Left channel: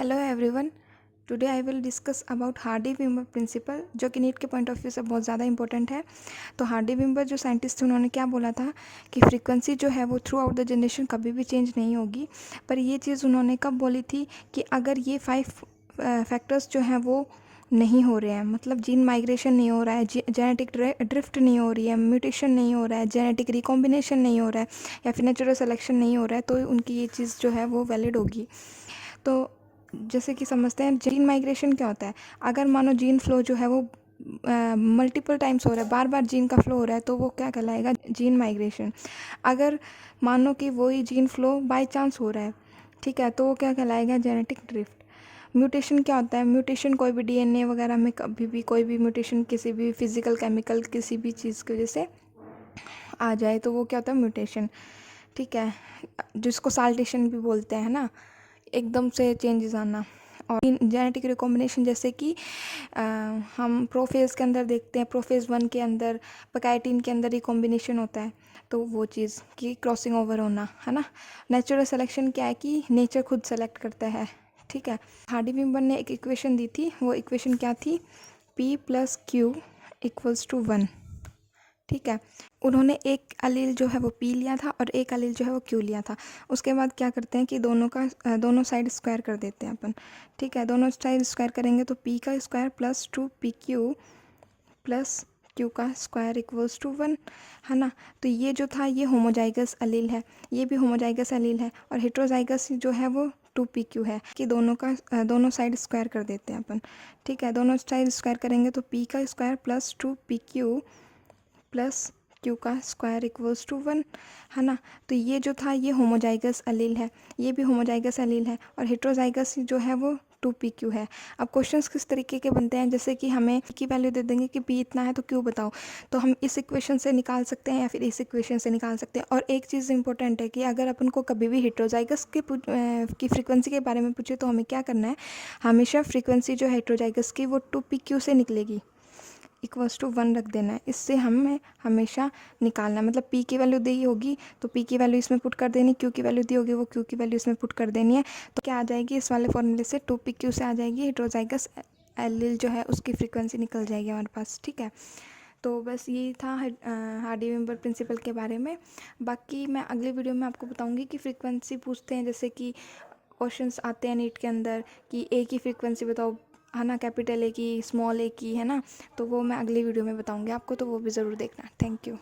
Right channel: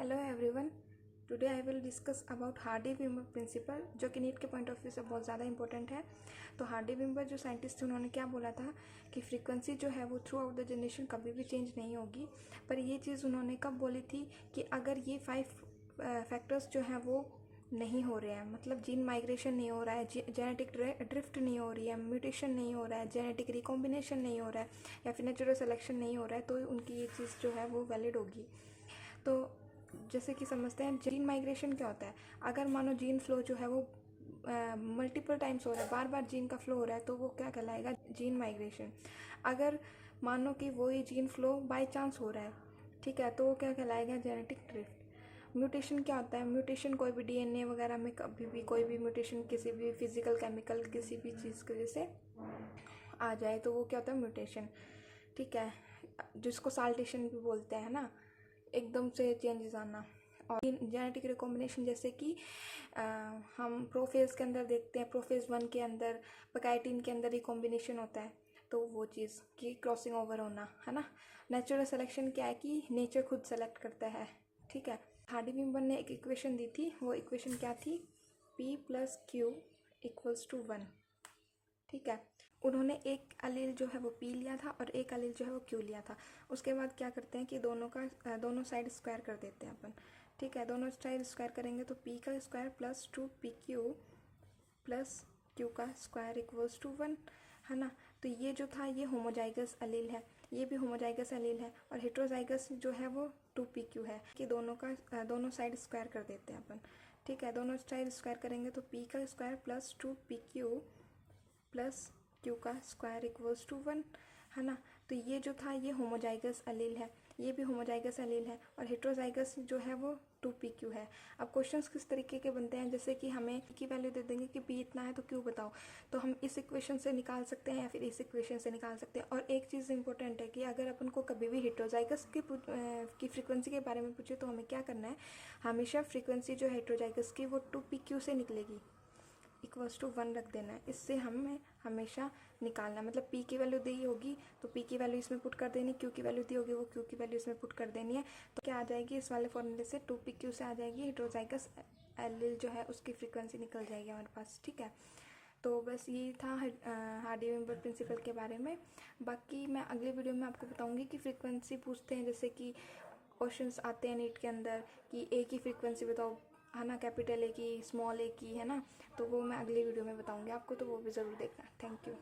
Hello everyone. Today I will discuss about Hardy Weinberg principle, जो कि NEET के point of view से बहुत ज़्यादा इंपॉर्टेंट है। तो हार्डी-विमर जो साइंटिस्ट थे उन्होंने क्या बोला था कि फ्रीक्वेंसी जो है वो थ्रू आउट द जनरेशन कभी भी चेंज नहीं होगी। पर ये चीज़ उन्होंने कब बोली थी कि अगर ये 5 फैक्टर्स जो हैं वो नहीं हो रहे हैं, मतलब जीन माइग्रेशन नहीं हो रहा है, जेनेटिक ड्रिफ्ट नहीं हो रही है, म्यूटेशन नहीं हो रहा है, जेनेटिक रिकॉम्बिनेशन नहीं हो रहा है, या फिर नेचुरल सिलेक्शन नहीं हो रहा है, तो उनकी ये चीज़ जो है वो वैलिड होगी। तो जैसे कि समझते हैं जीन माइग्रेशन क्या होता है। अगर मानो जीन फ्लो जो है वो मल्टीपल टाइम्स हो रहा है, बार बार जीन का फ्लो हो रहा है, तो वो क्या कहलाएगा? Gene migration. अगर मानो कि वही जीन फ्लो बाय चांस हो रहा है, ठीक है, तो वो क्या कहलाएगा? Genetic drift. म्यूटेशन क्या होता है? म्यूटेशन कोई भी डीएनए वगैरह में कभी भी कोई भी म्यूटेशन किसी भी फिजिकल केमिकल किसी भी चीज़ की वजह से आ जाए तो वो क्या होता है? म्यूटेशन। ठीक है, जिसको साल्टेशन भी बोलते हैं ना, एकदम से चेंजेस आना। और जेनेटिक रिकॉम्बिनेशन जैसे कि हम प्रोफेज के अंदर देखते हैं, प्रोफेज 1 के अंदर पैकाइटिन के अंदर रिकॉम्बिनेशन होता है, तो वो चीज़ की क्रॉसिंग ओवर होना है ना। नेचुरल सिलेक्शन क्या है कि नेचर खुद सेलेक्ट करता है। ठीक है, हार्डी-विमर ने एक इक्वेशन दी थी, वो इक्वेशन क्या थी? P+Q=1। ठीक है, उन्होंने एक अलील जो है वो पी लिया था और एक अलील जो है वो क्यू लिया था। उसके बाद क्या करते हैं कि दोनों साइड स्क्वायर कर देते हैं अपन। ठीक है, दोनों साइड स्क्वायर करेंगे तो पी का square plus 2PQ plus Q का स्क्वायर इक्वल्स टू 1, है ना। तो ये जो था ये होमोजाइगस अलील है, ये भी होमोजाइगस अलील है, और हेट्रोजाइगस जो है वो 2PQ है कि दोनों साइड स्क्वायर कर देते हैं अपन। ठीक है, दोनों साइड स्क्वायर करेंगे तो पी का square plus 2PQ plus Q का स्क्वायर इक्वल्स टू 1, है ना। तो ये जो था ये होमोजाइगस अलील है, ये भी होमोजाइगस अलील है, और हेट्रोजाइगस जो है वो 2PQ है। अब क्वेश्चंस किस तरीके के बनते हैं, जैसे कि हमें की वैल्यू दे देंगे कि पी इतना है तो क्यू बताओ, तो हम इस इक्वेशन से निकाल सकते हैं या फिर इस इक्वेशन से निकाल सकते हैं। और एक चीज़ इंपॉर्टेंट है कि अगर अपन को कभी भी हेट्रोजाइगस की फ्रीक्वेंसी के बारे में पूछे तो हमें क्या करना है? हमेशा फ्रीक्वेंसी जो हेट्रोजाइगस की वो 2PQ से निकलेगी, इक्वल्स टू 1 रख देना है। इससे हमें हमेशा निकालना है, मतलब पी की वैल्यू दी होगी तो पी की वैल्यू इसमें पुट कर देनी, क्यू की वैल्यू दी होगी वो क्यू की वैल्यू इसमें पुट कर देनी है। तो क्या आ जाएगी इस वाले फॉर्मूले से? 2PQ से आ जाएगी हेट्रोजाइगस एलील जो है उसकी फ्रीक्वेंसी निकल जाएगी हमारे पास। ठीक है, तो बस यही था हार्डी-विमर प्रिंसिपल के बारे में। बाकी मैं अगले वीडियो में आपको बताऊंगी कि फ्रीक्वेंसी पूछते हैं, जैसे कि क्वेश्चंस आते हैं नीट के अंदर कि ए की फ्रीक्वेंसी बताओ, है ना, कैपिटल ए की, स्मॉल ए की, है ना। तो वो मैं अगली वीडियो में बताऊंगी आपको, तो वो भी ज़रूर देखना। Thank you.